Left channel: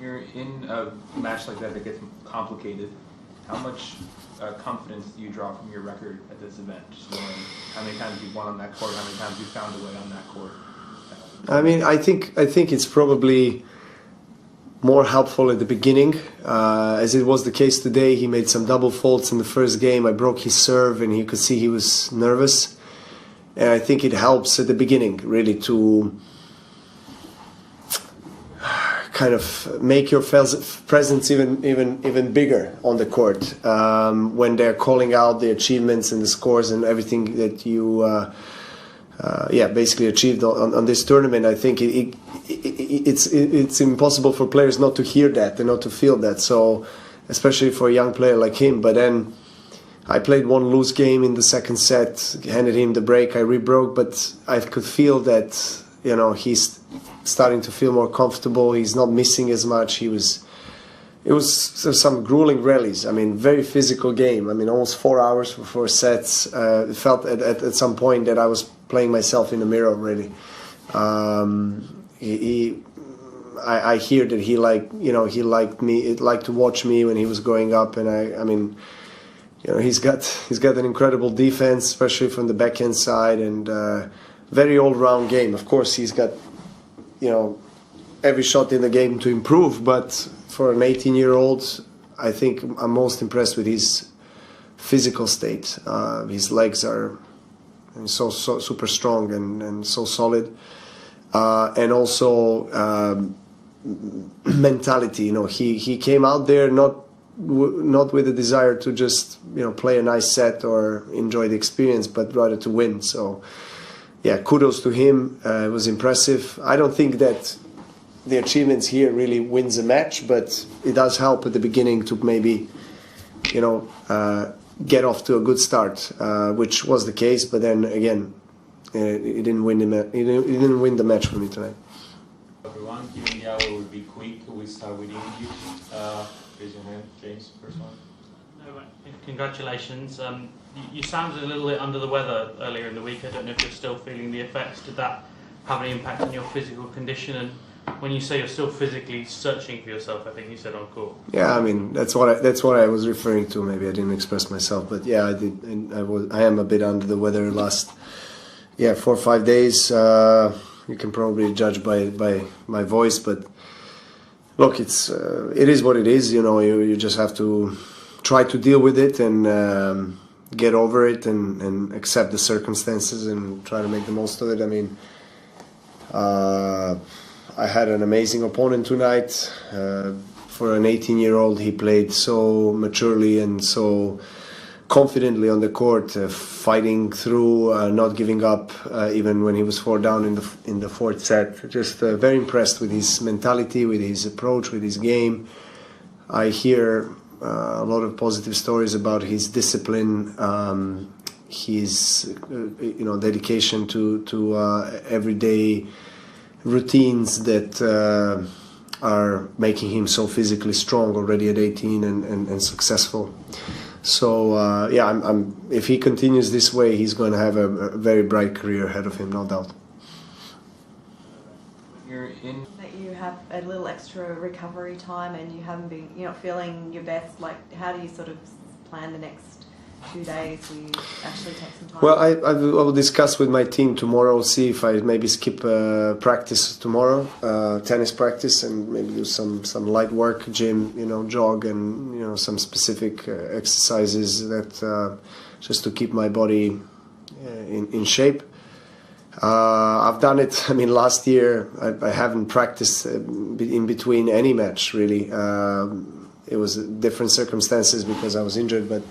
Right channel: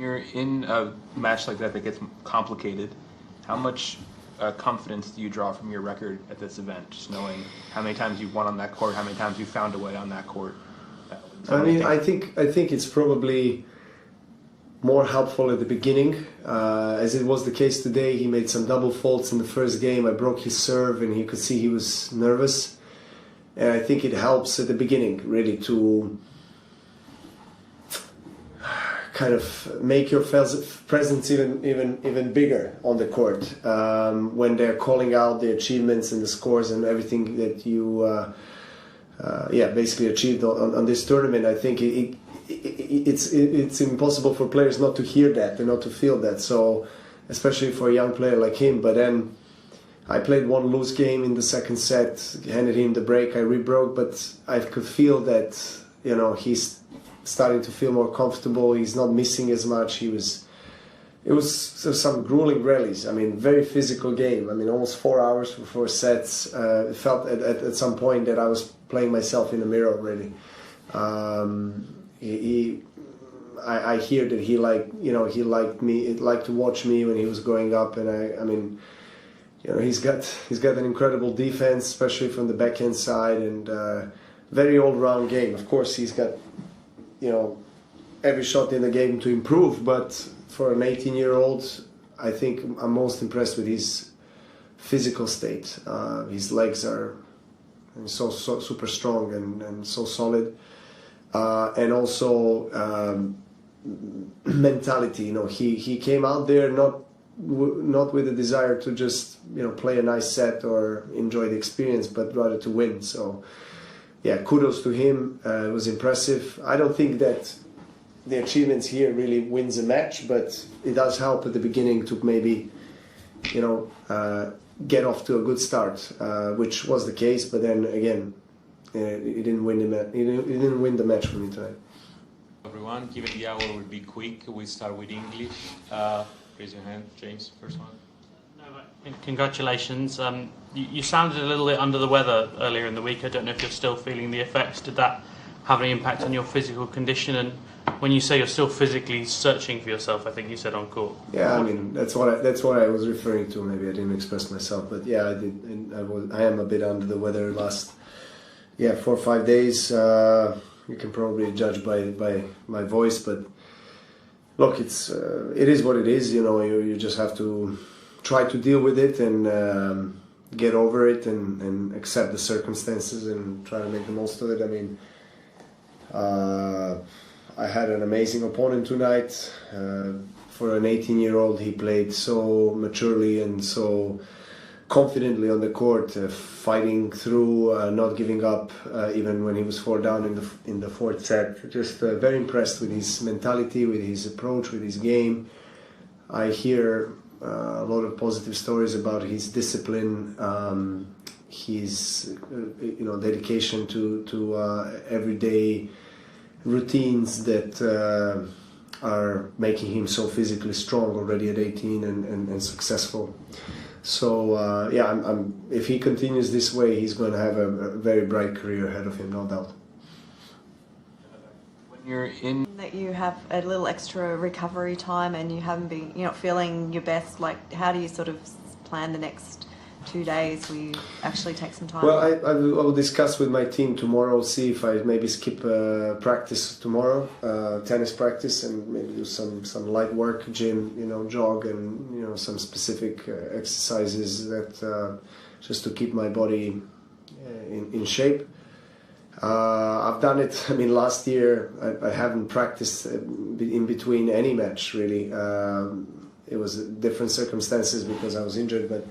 You're in a match like that gets complicated. How much confidence do you draw from your record at this event? Just knowing how many times you've won on that court, how many times you've found a way on that court. I mean, I think it's probably more helpful at the beginning, as it was the case today. He made some double faults in the first game. I broke his serve, and he could see he was nervous. And I think it helps at the beginning, really, to kind of make your presence even bigger on the court when they're calling out the achievements and the scores and everything that you basically achieved on this tournament. I think it's impossible for players not to hear that and not to feel that. So especially for a young player like him. But then I played one loose game in the second set, handed him the break, I rebroke, but I could feel that, he's starting to feel more comfortable. He's not missing as much. It was some grueling rallies. I mean, very physical game. I mean, almost 4 hours for 4 sets. It felt at some point that I was playing myself in the mirror, really. I hear that he liked me. He liked to watch me when he was going up, and I mean, he's got an incredible defense, especially from the backhand side, and very all-round game. Of course, he's got every shot in the game to improve, but for an 18-year-old, I think I'm most impressed with his physical state. His legs are so super strong and so solid, and also mentality. He came out there not with a desire to just play a nice set or enjoy the experience, but rather to win. So yeah, kudos to him. It was impressive. I don't think that the achievements here really wins a match, but it does help at the beginning to maybe get off to a good start, which was the case. But then again, he didn't win the match for me tonight. Everyone, given the hour will be quick, we start with English. Raise your hand, James, first one. Congratulations. You sounded a little bit under the weather earlier in the week. I don't know if you're still feeling the effects. Did that have any impact on your physical condition? And when you say you're still physically searching for yourself, I think you said on court. Yeah, I mean that's what I was referring to. Maybe I didn't express myself, but yeah, I did. I am a bit under the weather last 4 or 5 days. You can probably judge by my voice, but look, it is what it is. You just have to try to deal with it and get over it and accept the circumstances and try to make the most of it. I mean, I had an amazing opponent tonight. For an 18-year-old, he played so maturely and so confidently on the court, fighting through, not giving up, even when he was 4 down in the fourth set. Just very impressed with his mentality, with his approach, with his game. I hear a lot of positive stories about his discipline, his dedication to everyday routines that are making him so physically strong already at 18 and successful. So if he continues this way, he's going to have a very bright career ahead of him, no doubt. You're in that you have a little extra recovery time and you're not feeling your best. Like, how do you sort of plan the next 2 days? Will you actually take some time? Well, I will discuss with my team tomorrow. See if I maybe skip practice tomorrow, tennis practice, and maybe do some light work, gym, jog, and some specific exercises that just to keep my body in shape. I've done it. I mean, last year I haven't practiced in between any match really. It was different circumstances because I was injured, but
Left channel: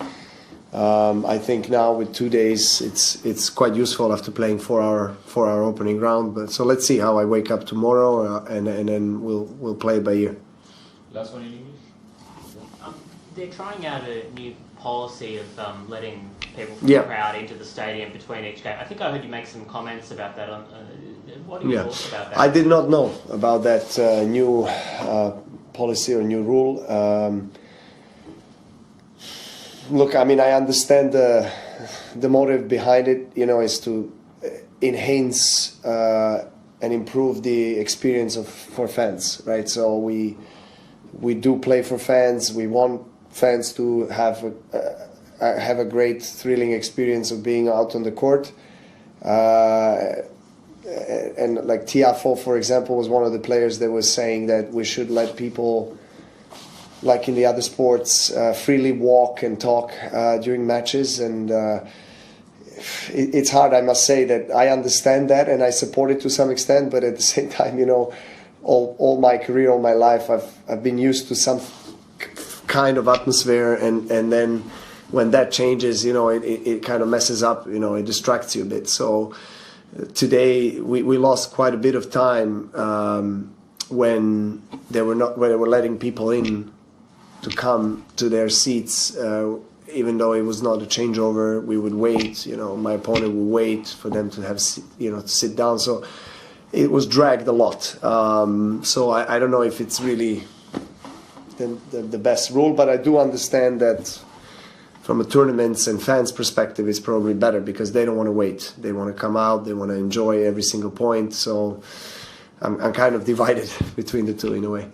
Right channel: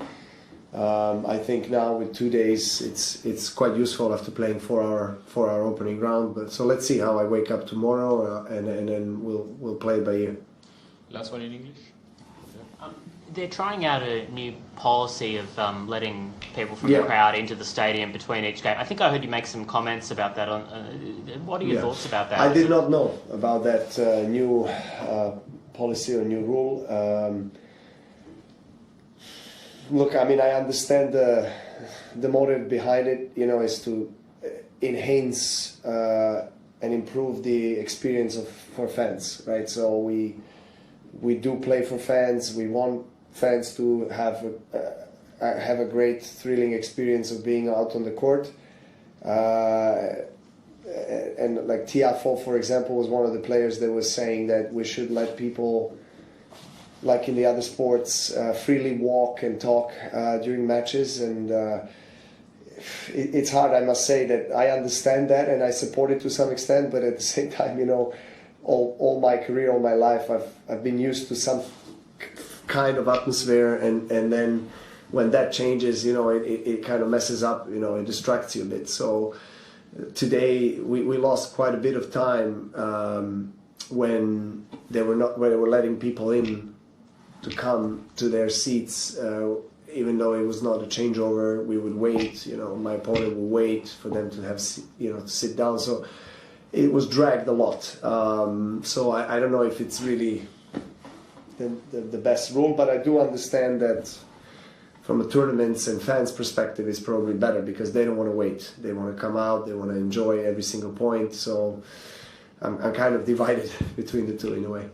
I think now with 2 days it's quite useful after playing 4 hour opening round. But so let's see how I wake up tomorrow, and then we'll play it by ear. Last one in English. They're trying out a new policy of letting people from the crowd into the stadium between each game. I think I heard you make some comments about that. What are your thoughts about that? I did not know about that new policy or new rule. Look, I mean, I understand the motive behind it, is to enhance and improve the experience for fans, right? So we we do play for fans. We want fans to have a great, thrilling experience of being out on the court. And like Tiafoe, for example, was one of the players that was saying that we should let people, like in the other sports, freely walk and talk during matches. And it's hard, I must say, that I understand that and I support it to some extent, but at the same time, you know, all my career, all my life, I've been used to some kind of atmosphere, and then when that changes, you know, it kind of messes up, you know, it distracts you a bit. So today we lost quite a bit of time when they were letting people in to come to their seats. Even though it was not a changeover, we would wait. You know, my opponent would wait for them to have, you know, to sit down. So it was dragged a lot. So I don't know if it's really the best rule, but I do understand that from a tournaments and fans perspective, it's probably better because they don't want to wait. They want to come out. They want to enjoy every single point. So I'm kind of divided between the two in a way.